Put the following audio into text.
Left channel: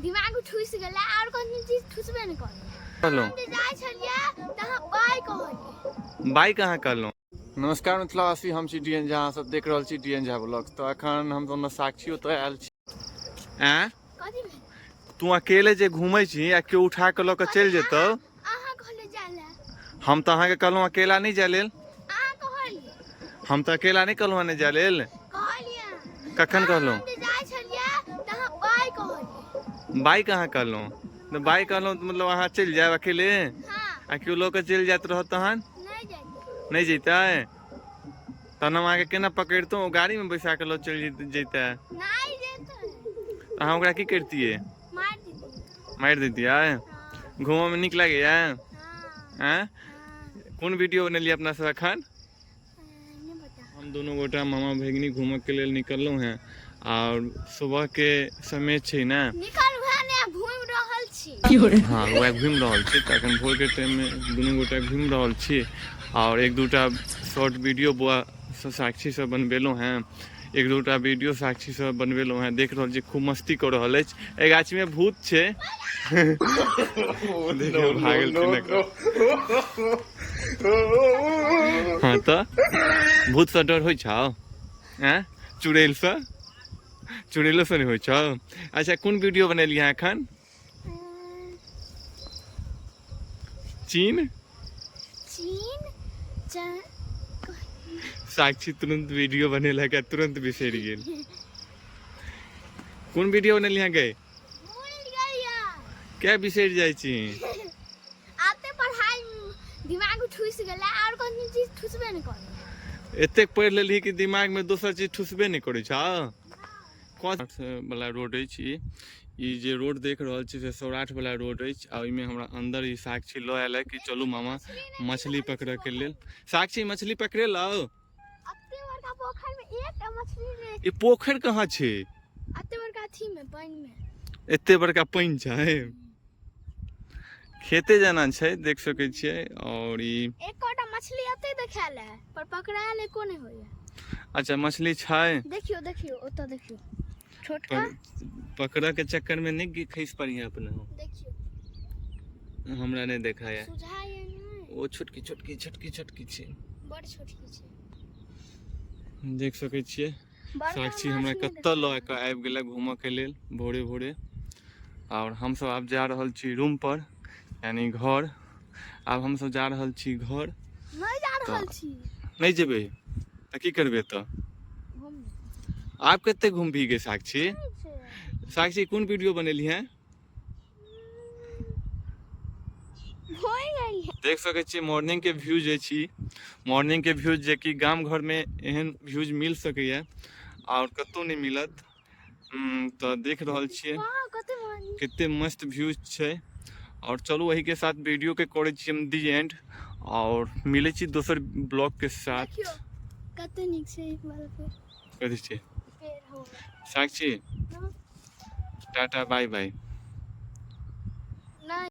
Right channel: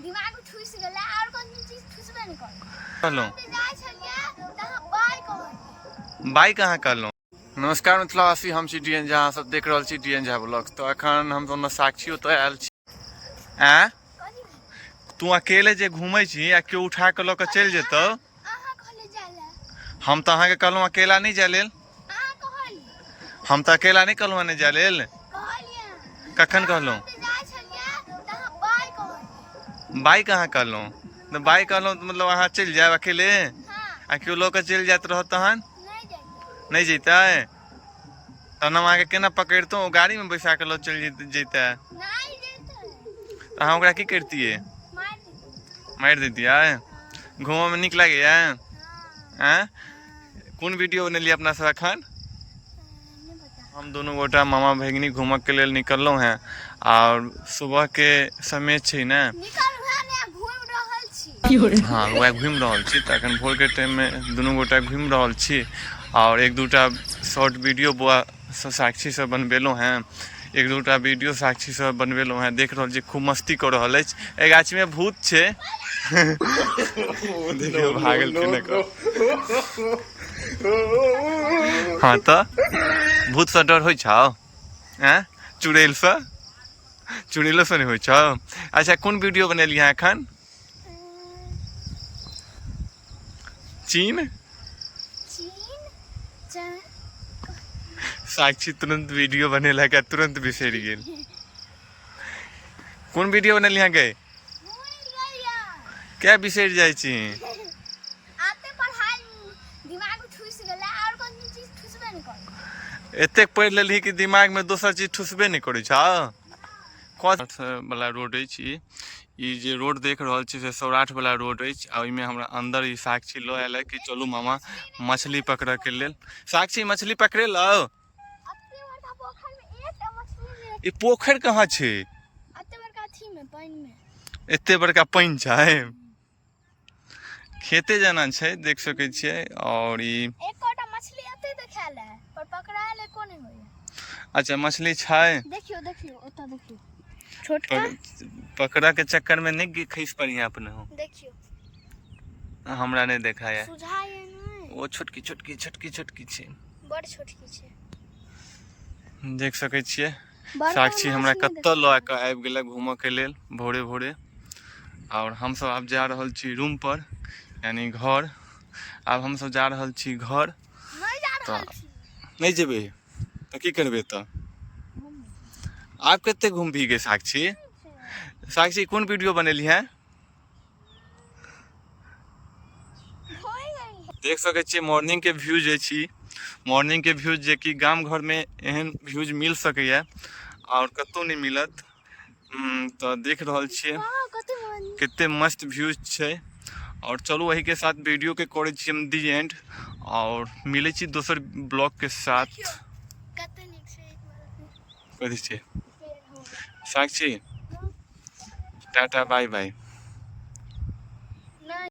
दिमाग ठुस गेला और कोन चीज ठुसबे न कर। कहलो हम जाय छलिए तहाँ बाय कहलिए बाई कहाँ कहलो। नमस्कार मिथिलावासी, हम छी डीएन झा, सब देख रहल छी डीएन झा ब्लॉग्स। तो अखन हम दोनों साक्षी तो आयल छी। कथि में तू अकेले जे घूमै छी आ केओ उठा के ल के चल जेतौ। अहाँ कहले जाले हम तो अहाँ के कहलहुँ अकेला नहीं जाय लेल। अहाँ कहलिए हम तो अकेला नहीं कहलहुँ नहीं जाय लेल। कहलिए कखन कहलहुँ हम जाय छलिए तहाँ बाय कहलिए बाई कहाँ कहलहुँ। तो बाई कहलहुँ तो मतलब अहाँ चल जाए अकेले हां आ केओ ल के चल जात रह तहन नहीं जाते नहीं जैते। तहन हम अहाँके केना पकड़तौ, गाड़ी में बैसा के लो चल जैते। नहीं जाते तो अहाँ ओकरा की करतियै, मार देते। मारि दैतियै। हां घूमऽ में नीक लागैया। हां कौन वीडियो बनेलियै अपना सब अखन। नहीं पता। हम दोनों गोटा मामा भगिनी घूमऽ के लेल निकललहुँ हैं और सुबह के समय छै ने। निकल भने घूम रहल छी। हाँ वह घूम रहल छी। तो अखन भोर के टाइम में दोनों गोटा घूम रहल छी और एक दूटा शॉर्ट वीडियो बुआ साक्षी से बनबेलहुँ हैं। एक दूटा वीडियो साक्षी से बनबेलहुँ हैं। देख रहल छी खूब मस्ती कर रहल अछि। ए गाछी में भूत छै। देखियो भागल केना। हाँ तो भूत से डर होइ छौ। चुड़ैल से, चुड़ैलो से नहीं होइ छौ। अच्छा कौन वीडियो बनेलियै एखन। चीन साक्षी तुरंत वीडियो बनेला के तुरंत बिसर गेल। कौन वीडियो बनेलियै गए क्या बिसर जाइ छी। आते पढ़ाई दिमाग ठुस गेला और कोन चीज ठुसबे न कर। एतेक पढ़ि लेलही कि दिमाग में दोसर चीज ठुसबे नहीं करै छौ। कौन वाला रोड अछि ई जे रोड देख रहल छी से सौराठ वाला रोड अछि। आ ओइमे हमरा अंदर ई साक्षी लो आयल है कि चलू मामा मछली पकड़े के लेल। साक्षी मछली पकड़े लो। अते बड़का पोखर में एकटा मछली ने। ई पोखर कहाँ छै। अते बड़का थी में पानी में एते बड़का पानी छै। खेते जाना छै देख सकै छियै। और ई एकोटा मछली अते देखाल है पर पकड़ायल एको नहीं होय। अच्छा मछली छै। देखियो देखियो ओता देखियो छोटका पकड़ा के चक्कर में नहीं खींच पड़िया अपने हो। देखियो हमरा नहीं देखा है। सुझाय नहीं वो छोटकी छोटकी छोटकी छोटकी छै। बड़ छोटकी छै। देख सकै छियै बड़का साक्षी हमरा मछली कत्तो ल के आबि गेलै घूमऽ के लेल भोरे भोरे। और हम सब आब जा रहल छी रूम पर यानी घर। आब हम सब जा रहल छी घर। नहीं जा रहल छी। नहीं जेबे तो की करबे तो। आप कते घूम भी गए साक्षी। साक्षी कौन वीडियो बनेली है। देख सकै छियै मॉर्निंग के व्यूज अछि। मॉर्निंग के व्यूज जे कि गाम घर में एहन व्यूज मिल सकैया और कतौ नहीं मिलत। तो देख रहल छियै कते मस्त व्यूज छै। और चलू वही के साथ वीडियो के करे छी हम दी एंड। और मिले छी दोसर ब्लॉग के साथ। कते नीक छै एक बार फिर कथी छै साक्षी टाटा बाय बाय।